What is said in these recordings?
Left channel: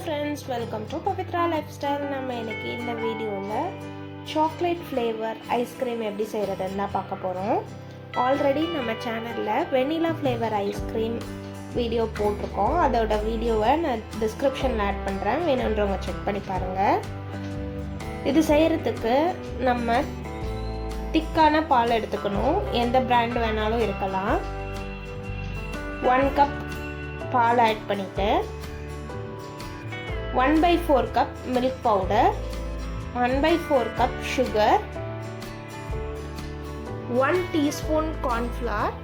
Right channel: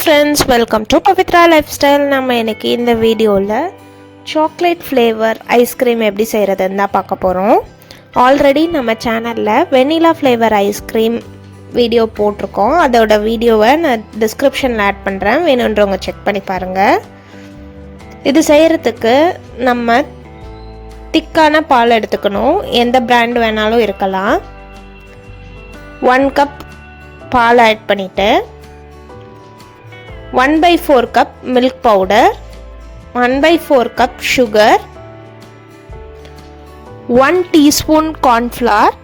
Friends welcome to Pavithra lifestyle நம்ம எனக்கு இந்த வீடியோவில் சாக்லேட் ஃப்ளேவர் ஐஸ்கிரீம் எப்படி செய்கிறதுன்னு தான் பார்க்க போகிறோம் ஆல்ரெடி நம்ம சேனலில் வெனிலா ஃப்ளேவர் ஐஸ்கிரீம் வீடியோ போட்டிருக்கோம். அதோட வீடியோவை நான் டிஸ்கிரிப்ஷனில் ஆட் பண்ணுறேன் வேணுன்றவங்க செக் பண்ணி பாருங்கள் இது செய்கிறதுக்கு நம்ம திக்கான பால் எடுத்துக்கணும். எந்த பிராண்ட் வேணாலும் இருக்கலாம். ஒன் கப் பால் ஆட் பண்ணிவிட்டு one by four cup milk powder one by four cup sugar one teaspoon cornflour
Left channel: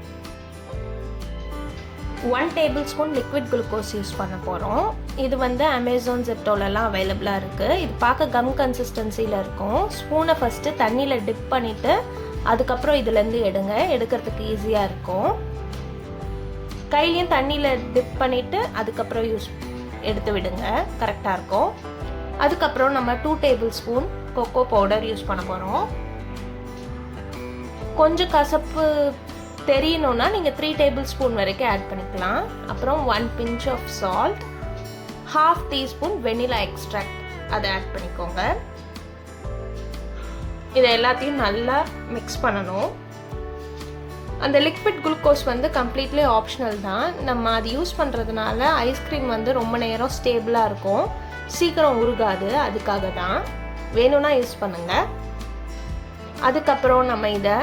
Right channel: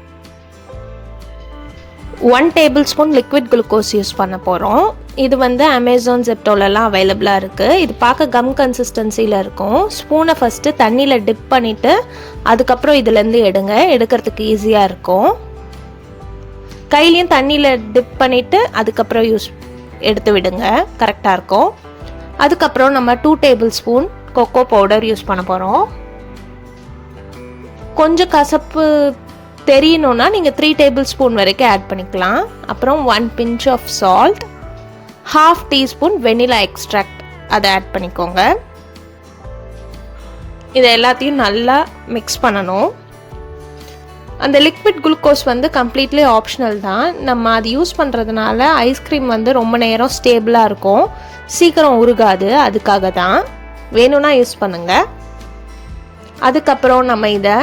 one tablespoon liquid glucose use பண்ண போகிறோம் இது வந்து அமேசான் ஜெப்டோலலாம் அவைலபிளாக இருக்குது இது பார்க்க கம் கன்சிஸ்டன்சியில் இருக்கும். ஸ்பூனை ஃபஸ்ட்டு தண்ணியில் டிப் பண்ணிவிட்டு அதுக்கப்புறம் இதுலேருந்து எடுங்க. எடுக்கிறதுக்கு ஈஸியாக இருக்கும். கையிலையும் தண்ணியில் டிப் பண்ணிவிட்டு அதுக்கப்புறம் யூஸ் எடுத்து விடுங்க. கரெக்டாக இருக்கும். அதுக்கப்புறம் நம்ம two tablespoon cocoa powder use பண்ண போகிறோம் கொஞ்சம் கசப்பு தெரியணும்னா நீங்கள் த்ரீ டேபிள் ஸ்பூன் வரைக்கும் ஆட் பண்ணிக்கலாம். அப்புறம் one pinch of salt half teaspoon vanilla extract அதை ஆட் பண்ணிக்கோங்க. இதை எல்லாத்தையும் நல்லா மிக்ஸ் பண்ணணும். அந்த லிக்விட் குளுக்கோஸ் வந்து கம்ப்ளீட்லி ஆப்ஷனல் தான். நம்ம அது யூஸ் பண்ணுறதுனால ஐஸ்கிரீம் வந்து ரொம்ப நேரம் ஸ்டேபிளாக இருக்கும். சீக்கிரம் உருகாது அதுக்காக தான் வேணும்னா யூஸ் பண்ணுங்கள் அதுக்கப்புறம் நம்ம இதை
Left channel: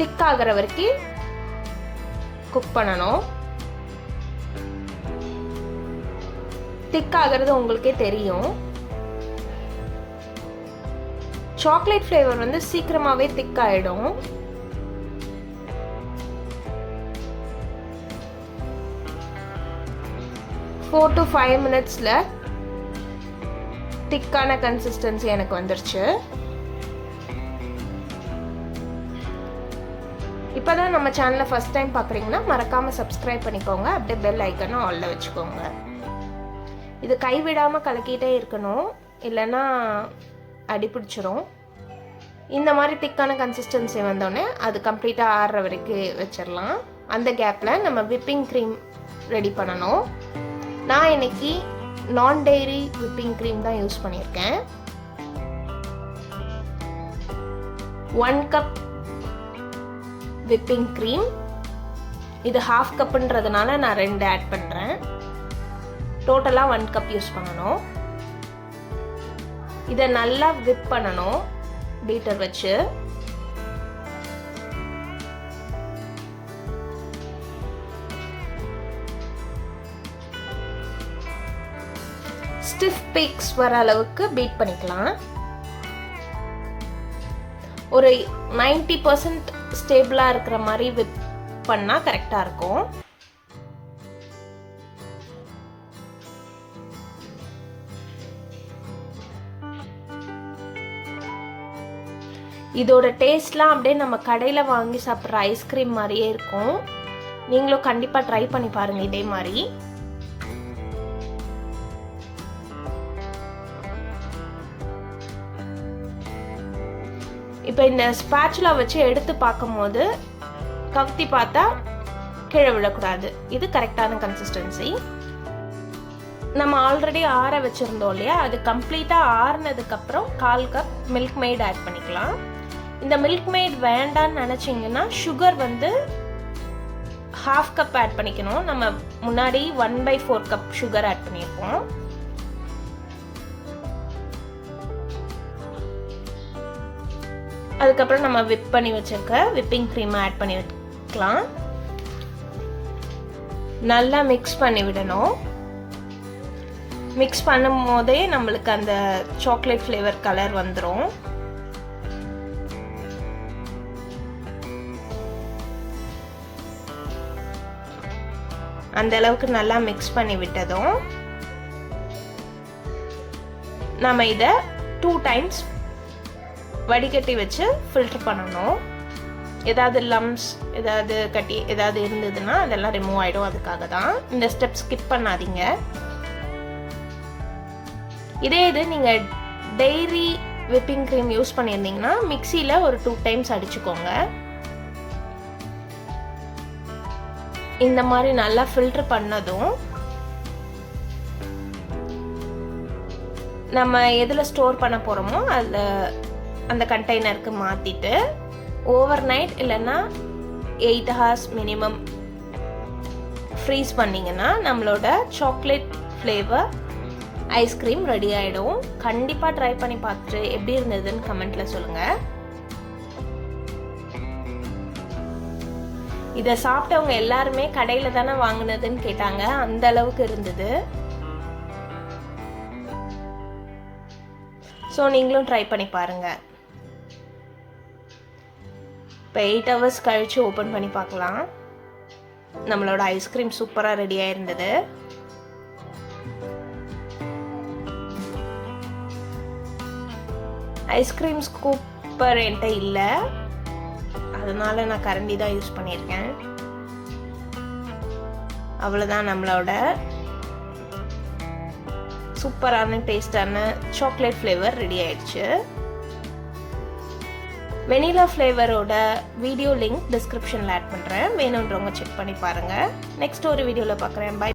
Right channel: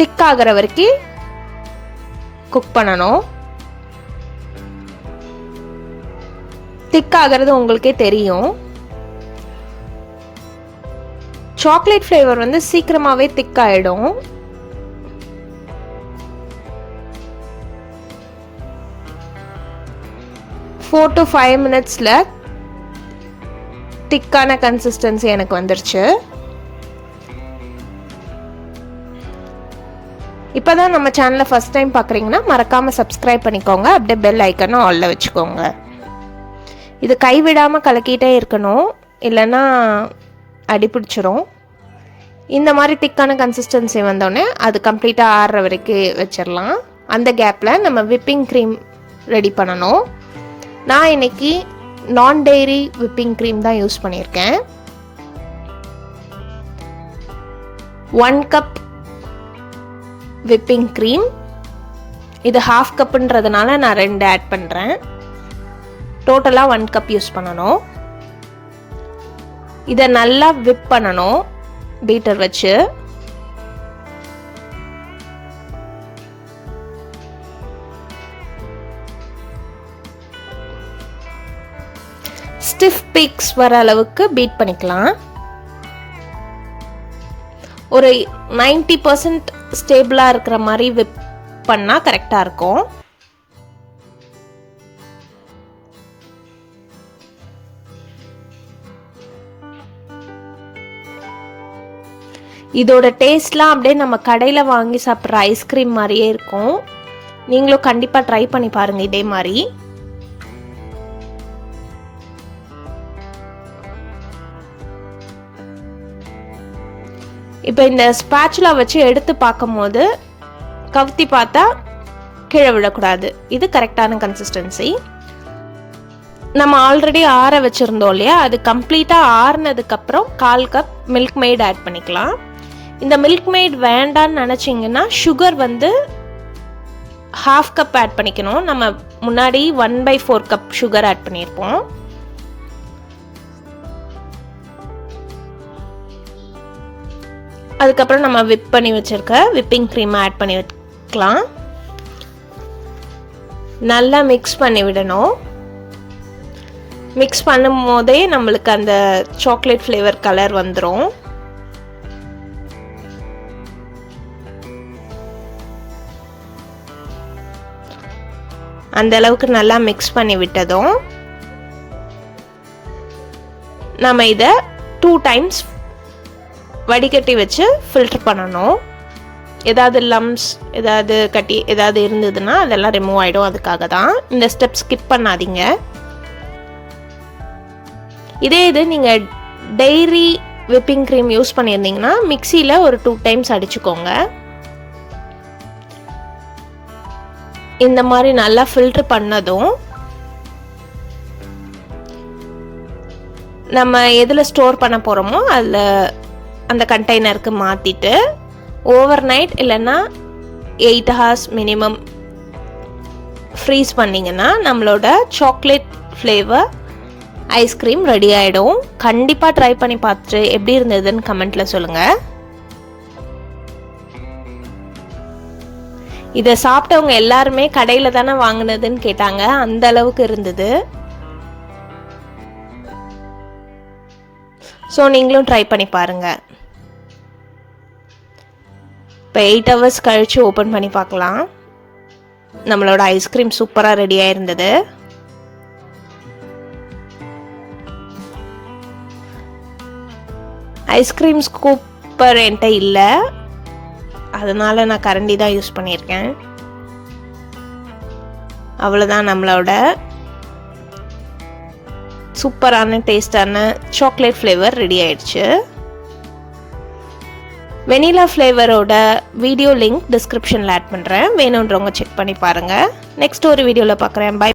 திக் ஆகிற வரைக்கும் குக் பண்ணணும். திக் ஆகிறது உங்களுக்கே தெரியும். சாக்லேட் ஃப்ளேவர் வந்து சீக்கிரமாகவே திக் ஆகிடும் ஃபோர் டு ஃபைவ் மினிட்ஸில் திக்கான கன்சிஸ்டன்சி எனக்கு வந்துருச்சு. இப்போ தான் நம்ம சேனலை ஃபஸ்ட் டைம் பார்க்குறீங்கன்னா மறக்காமல் சப்ஸ்கிரைப் பண்ணிக்கோங்க. அப்படியே பெல் ஐக்கனும் ஆலில் வச்சுக்கோங்க. இது கைவிடாமல் கலக்கிட்டே இருக்கணும். இல்லைன்னா அடிப்பிடிச்சிரும் இந்த மாதிரி திக்கான கன்சிஸ்டன்சி வந்தோடனே அது கம்ப்ளீட்டாக ஆறுற வரைக்கும் வச்சிடலாம் அந்த கேப்பில் நம்ம விப்பிங் க்ரீம் ரெடி பண்ணணும். நான் இன்னைக்கு நான் டெய்ரி விப்பிங் க்ரீம் தான் யூஸ் பண்ணியிருக்கேன். ஒன் கப் விப்பிங் க்ரீம் இது ஹாஃப் கப்புன்றதுனால நான் ரெண்டு ஆட் பண்ணுறேன் டோட்டலாக ஒன் கப் யூஸ் பண்ணணும். இதை நல்லா விப் பண்ணணும். பீட்டர் வச்சு. ஸ்டிஃப் பீக்ஸ் வர அளவுக்கு பீட் பண்ணிக்கலாம். ஒரு நைன்டி பர்சன்ட் ஸ்டேபிளாக இருக்கிற மாதிரி விப் பண்ணால் கரெக்டாக இருக்கும். இதோட டேஸ்ட்லாம் அப்படியே நம்ம கடையில் வாங்கி சாப்பிட்ற ஐஸ்கிரீம் மாதிரியே இருக்கும். நீங்களும் கண்டிப்பாக ட்ரை பண்ணி பாருங்கள் இதே மாதிரி. இப்போ இந்த ஸ்பேச்சுலா வச்சு எடுத்து பார்க்கும்போது கவுத்தி பார்த்தா கீழே விழக்கூடாது. இது கரெக்டான கன்சிஸ்டன்சி நம்ம ஆல்ரெடி ஆற வச்சுருந்தோம் இல்லையா? அது கம்ப்ளீட்டாக ஆறுனதுக்கப்புறம் கால் கப் மில்க் மெய்ட் ஆட் பண்ணிக்கலாம். இந்த மில்க் மெய்ட் வேண்டான்னு நினச்சிங்கன்னா சுகர் வந்து ஹாஃப் கப் ஆட் பண்ணிக்கணும். நம்ம முன்னாடி one by four cup sugar add பண்ணியிருப்போம். அதுக்கப்புறம் நம்ம விப் பண்ணி வச்சுருக்க விப்பிங் க்ரீம் ஆட் பண்ணி வைக்கலாம் நல்லா மிக்ஸ் பண்ணி விடணும். மிக்ஸ் பண்ணும் போதே நம்மளுக்கு அந்த சாக்லேட் ஃப்ளேவர் கலர் வந்துடும் அந்த அளவுக்கு நல்லா மிக்ஸ் பண்ணி விட்டதும் நம்ம இதை டூ டைம்ஸ் வடிகட்டி வச்சு ஃபில்டர் பண்ணணும். ஏதாவது லம்ஸ் ஏதாவது கட்டி ஏதாவது இருந்ததுன்னா அதெல்லாம் ரிமூவ் ஆகிடும் அதுக்காக தான் இந்த ஸ்டெப் ஸ்கிப் பண்ணாதீங்க. இதே இது நீங்கள் டெய்ரி விப்பிங் க்ரீம் யூஸ் பண்ணியிருந்தீங்கன்னா மிக்சியில் ஒரு டூ டைம்ஸ் அடிச்சுக்கோங்க. இந்த மாதிரி நல்லா ஃபில்ட்ரு பண்ணதும் நம்ம எதில் ஸ்டோர் பண்ண போகிறோமோ அதில் அந்த கண்டெய்னருக்கு மாற்றிட்டு ஓவர் நைட் இல்லைன்னா எயிட் ஹவர்ஸ் மினிமம் ஃப்ரீஸ் பண்ணிங்கன்னா நம்மளோட சாக்லேட் ஃப்ளேவர் ஐஸ்கிரீம் ரெடி ஆகிடும் கண்டிப்பாக ட்ரை பண்ணி பார்த்துட்டு எப்படி இருந்ததுன்னு கமெண்ட்டில் சொல்லுங்கள் இதை சாப்பிட்டவங்க எல்லாருமே கடையில் தானே வாங்கினதுன்னு கேட்டாங்க. அந்த அளவுக்கு இருந்தது. ஸோ நீங்களும் ட்ரை பண்ணி பாருங்கள் இப்போ எயிட் ஹவர்ஸ் கழித்து ஓப்பன் பண்ணி பார்க்கலாம். நம்மளோட ஐஸ்கிரீம் சூப்பராக ரெடியாக இருந்தது ஐஸ்கிரீம் ஸ்கூப்பர் என்கிட்ட இல்லை. அதனால் நான் கரண்டி தான் யூஸ் பண்ணியிருக்கேன். அவ்வளோதான் நம்மளோட சூப்பரான டேஸ்டான சாக்லேட் ஃப்ளேவர் ரெடி ஆயிடுச்சு. வெனிலா ஃப்ளேவரோட வீடியோ லிங்க் டிஸ்கிரிப்ஷனில் ஆட் பண்ணுறேன் வேணுன்றவங்க செக் பண்ணி பாருங்கள் நெக்ஸ்ட் ஒரு வீடியோவில் பார்க்குறேன் பை